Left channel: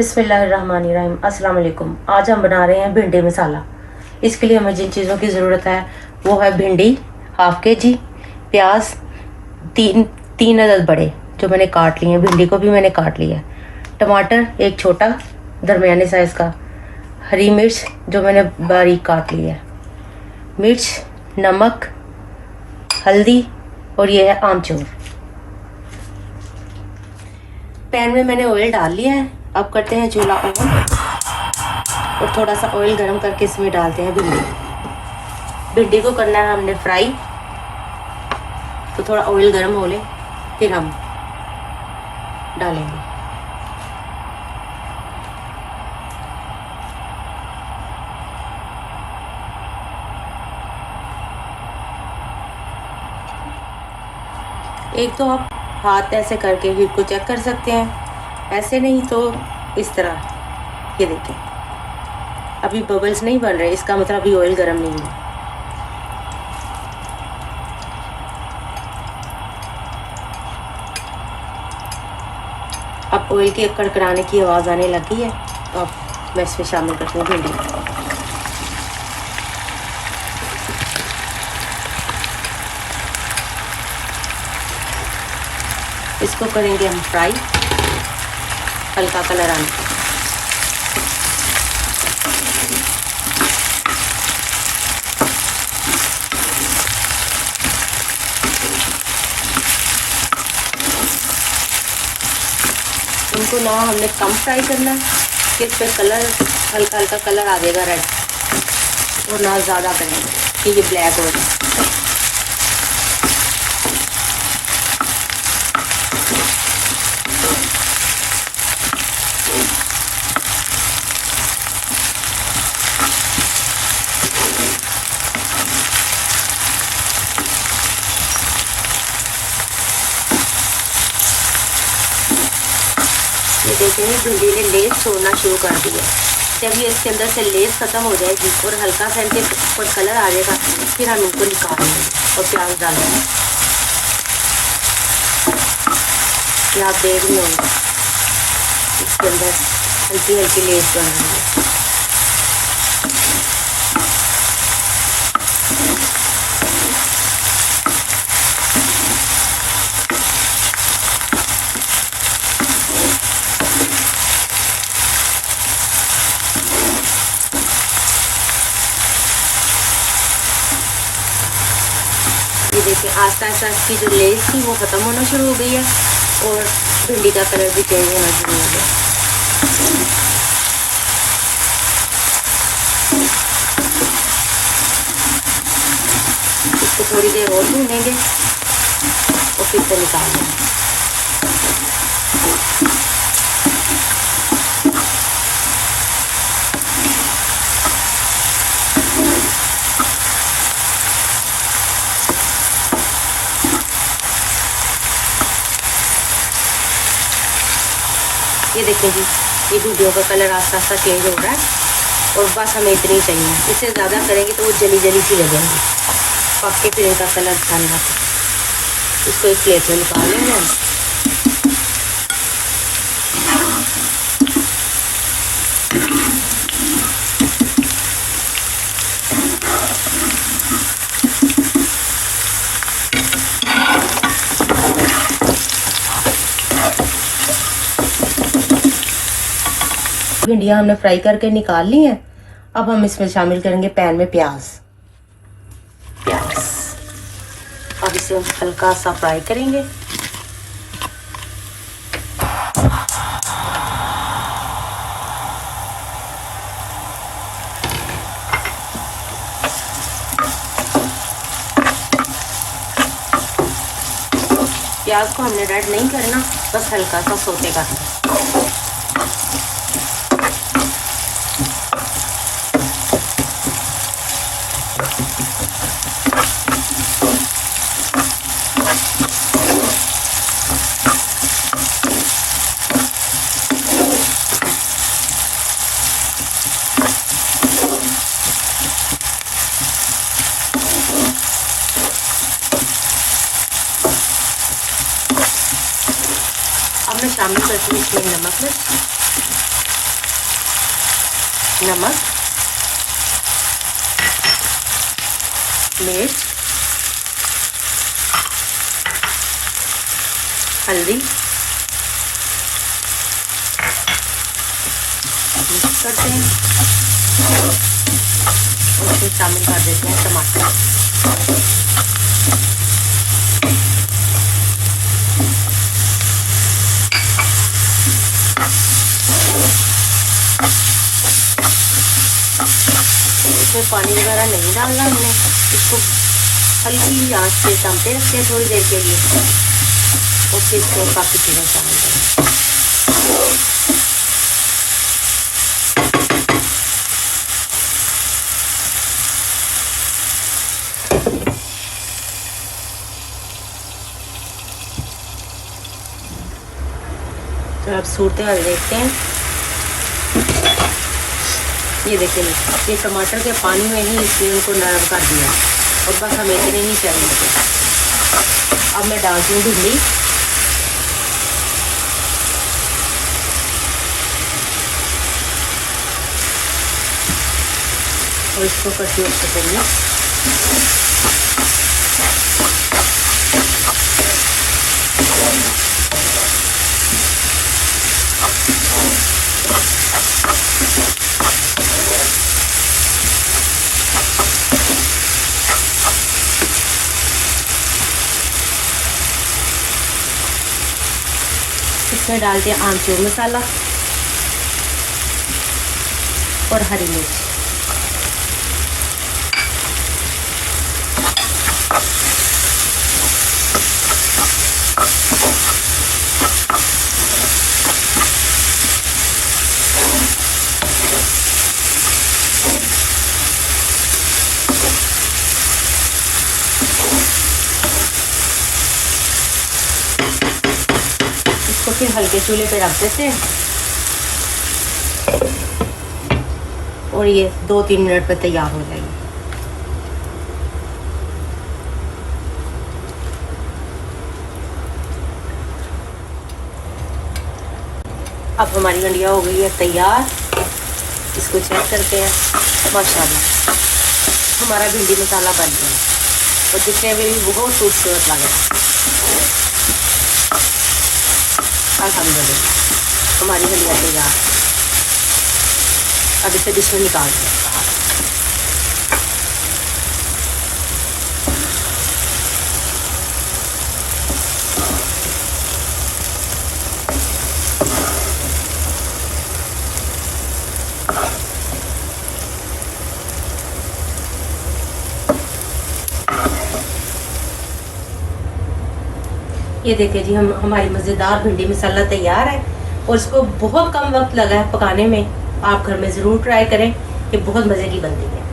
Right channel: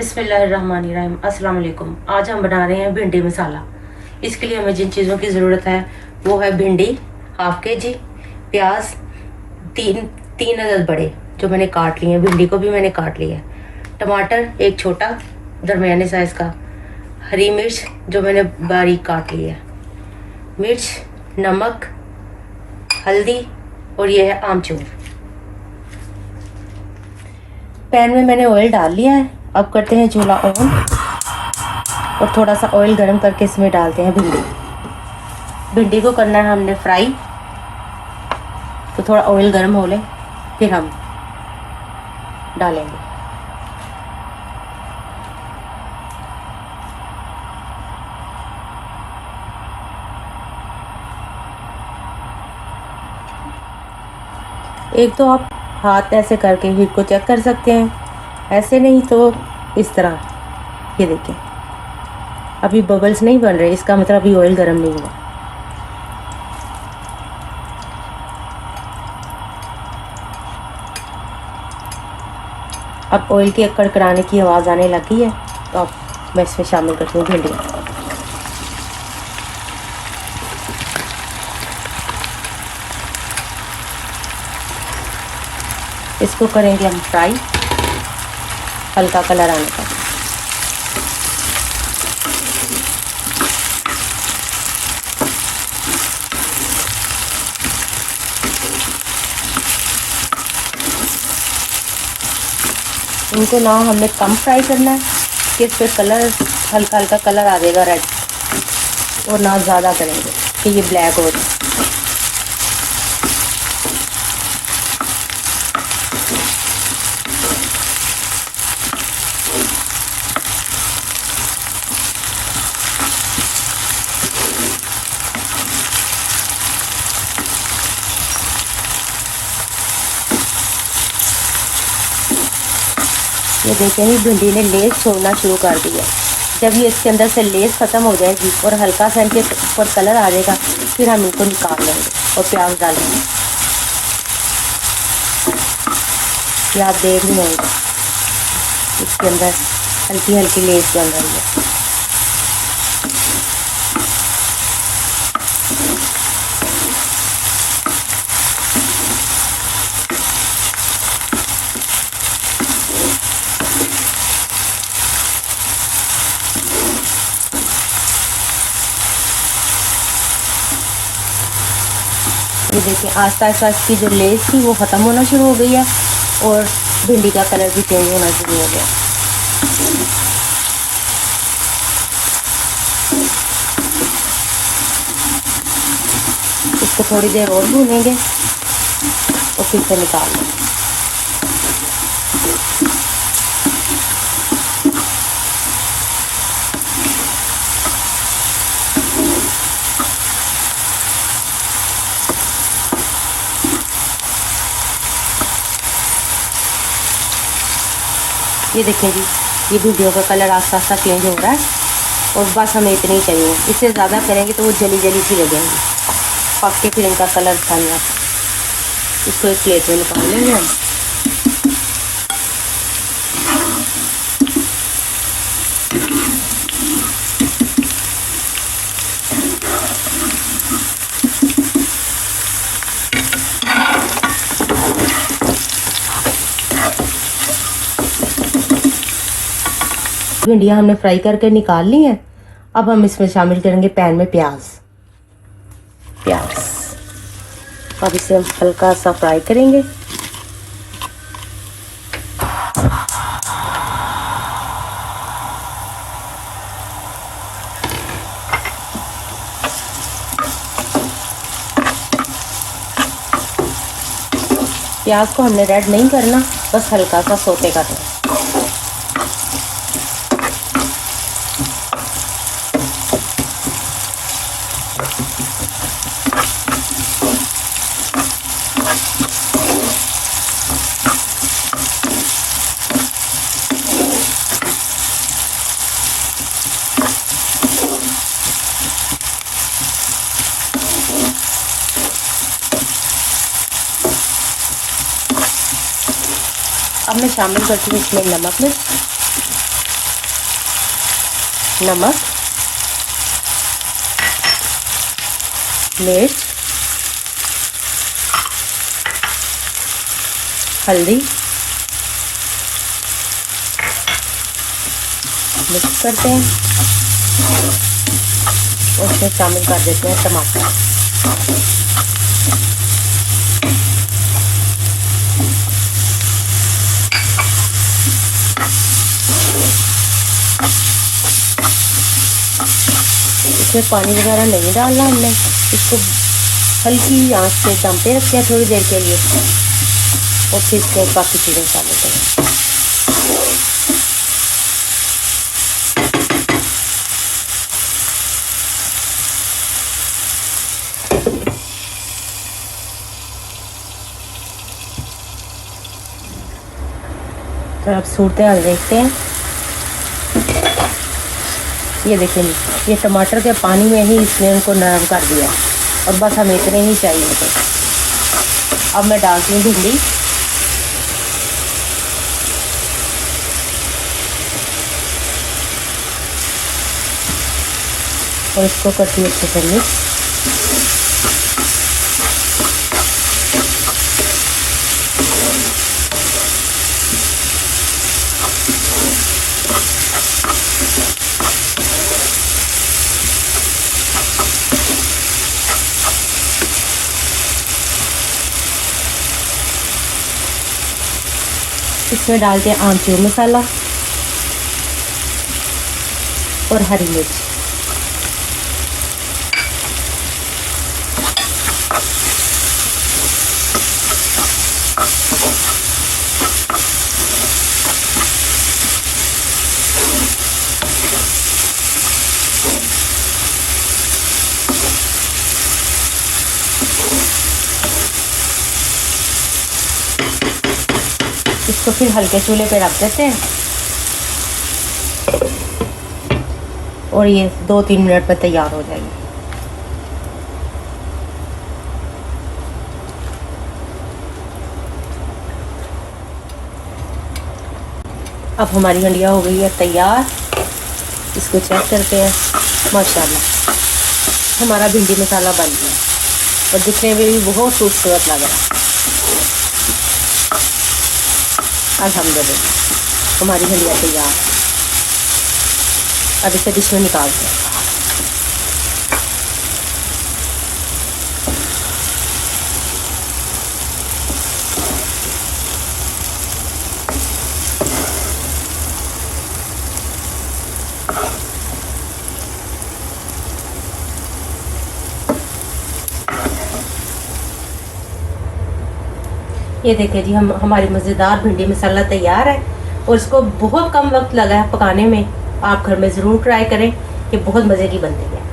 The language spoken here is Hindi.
बिस्मिल्लाहिर्रहमानिर्रहीम। अस्सलाम वालेकुम। आज हम बना रहे हैं भिंडी मसाला। इसके लिए हमें जिन चीज़ों की ज़रूरत है वो है भिंडी हाफ के जी, प्याज तीन तीन अदद बड़े जो मैंने काट लिए हैं, भिंडी को भी मैंने काट लिया है, टमाटर एक छोटा दरमियाने साइज़ का, हरी मिर्च जो मैंने बारीक काट ली है, मिर्च, नमक, हल्दी और ये है आमचूर। पैन में मैंने ऑयल डाल लिया है। अब करते हैं चूल्हा ऑन और थोड़ा सा ऑयल गरम करके इसमें डालते हैं भिंडी को करना है हमने फ्राई। तो थोड़ा ऑयल गरम हो ले फिर हम डालेंगे। एक तो आप हाथ ऐसे करके हीट को चेक कर सकते हैं, ऐसे नहीं तो इस तरह। ये देखिए अभी बबल्स नहीं बन रहे, इसका मतलब अभी ऑयल गर्म नहीं हुआ। अब ऑयल की कड़कड़ाने की आवाज़ आने लगी है तो अब मैं इसमें शामिल करती हूँ भिंडी। इसको करेंगे हम फ्राई हल्का कलर आने तक। इनको ना हमने कम फ्राई करना है कि इस पर कलर हल्का हल्का कलर आ जाएगा रेड, और ना ज़्यादा करेंगे कि ये ब्लैक हो जाए। ये देखेंगे भिंडी ने लेस छोड़ना शुरू कर दिया। जब ये इसके अंदर से लेस ख़त्म हो जाएगी और हल्का सा इनके ऊपर कलर आ जाएगा फिर हम इनको निकाल लेंगे और प्याज डाल देंगे। ये आप देख रहे होंगे इसके अंदर हल्की हल्की लेस बन रही है। ये देखिए आस्ता आस्ता इसकी जो लेस थी वो ख़त्म होना शुरू हो गई है और भिंडी का कलर भी चेंज होना शुरू हो गया। इसको थोड़ी देर और भूनेंगे और फिर से निकाल लेंगे। ये देखिए जी ये भिंडियों का कलर आस्ता आस्ता चेंज हो रहा है और बस हमें इतनी ही चाहिए। इससे ज़्यादा करेंगे तो वो जली जली सी लगेंगी, पक के फिर इनका कलर करना। इसको एक प्लेट में निकाल लेंगे हम। भिंडियाँ हमने फ्राई करके निकाल ली हैं। अब हम इसमें शामिल करेंगे पैन में प्याज। अब इसे हम हल्का सा फ्राई करेंगे। प्याज को हमने रेड नहीं करना, बस हल्का सा सोते करना। अब मैं शामिल करती हूँ इसमें नमक मिर्च नमक, मिर्च, हल्दी मिक्स करते हैं और उसमें शामिल कर देते हैं टमाटर। इसमें पानी वगैरह नहीं डालना हमने, इसको हल्की आंच पे दमते रखते हैं थोड़ी देर के लिए और फिर इसको बाकी चीज़ें शामिल करें। तो अब सूरत हाल देखते हैं। ये देखिए, ये टमाटर के पानी में ही इसने इनको नरम कर दिया। अब बस हमें इतने ही चाहिए। अब मैं डालती हूँ भिंडी। और इसको करती हूँ अच्छे से मिक्स। इसमें डालते हैं आमचूर मसाला और हरी मिर्च। इसको फिर हल्के चूल्हे पे रख देते हैं और ये 2-3 मिनट में तैयार हो जाएगी। अब हमारी हंडिया हो गई है तैयार। इसको चेक करते हैं। माशाल्लाह हमारा भिंडी मसाला बन गया और दिखने में भी बहुत खूबसूरत लग रहा है। अल्हम्दुलिल्लाह हमारी हंडिया तैयार। अब इसे डिश में निकाल दें। ये देखिए जी, हमारी मज़ेदार भिंडी मसाला तैयार है और इसको बहुत कम वक्त लगा है पकाने में। आप घर में ज़रूर ट्राई करें, ये बहुत मज़े की बनती है।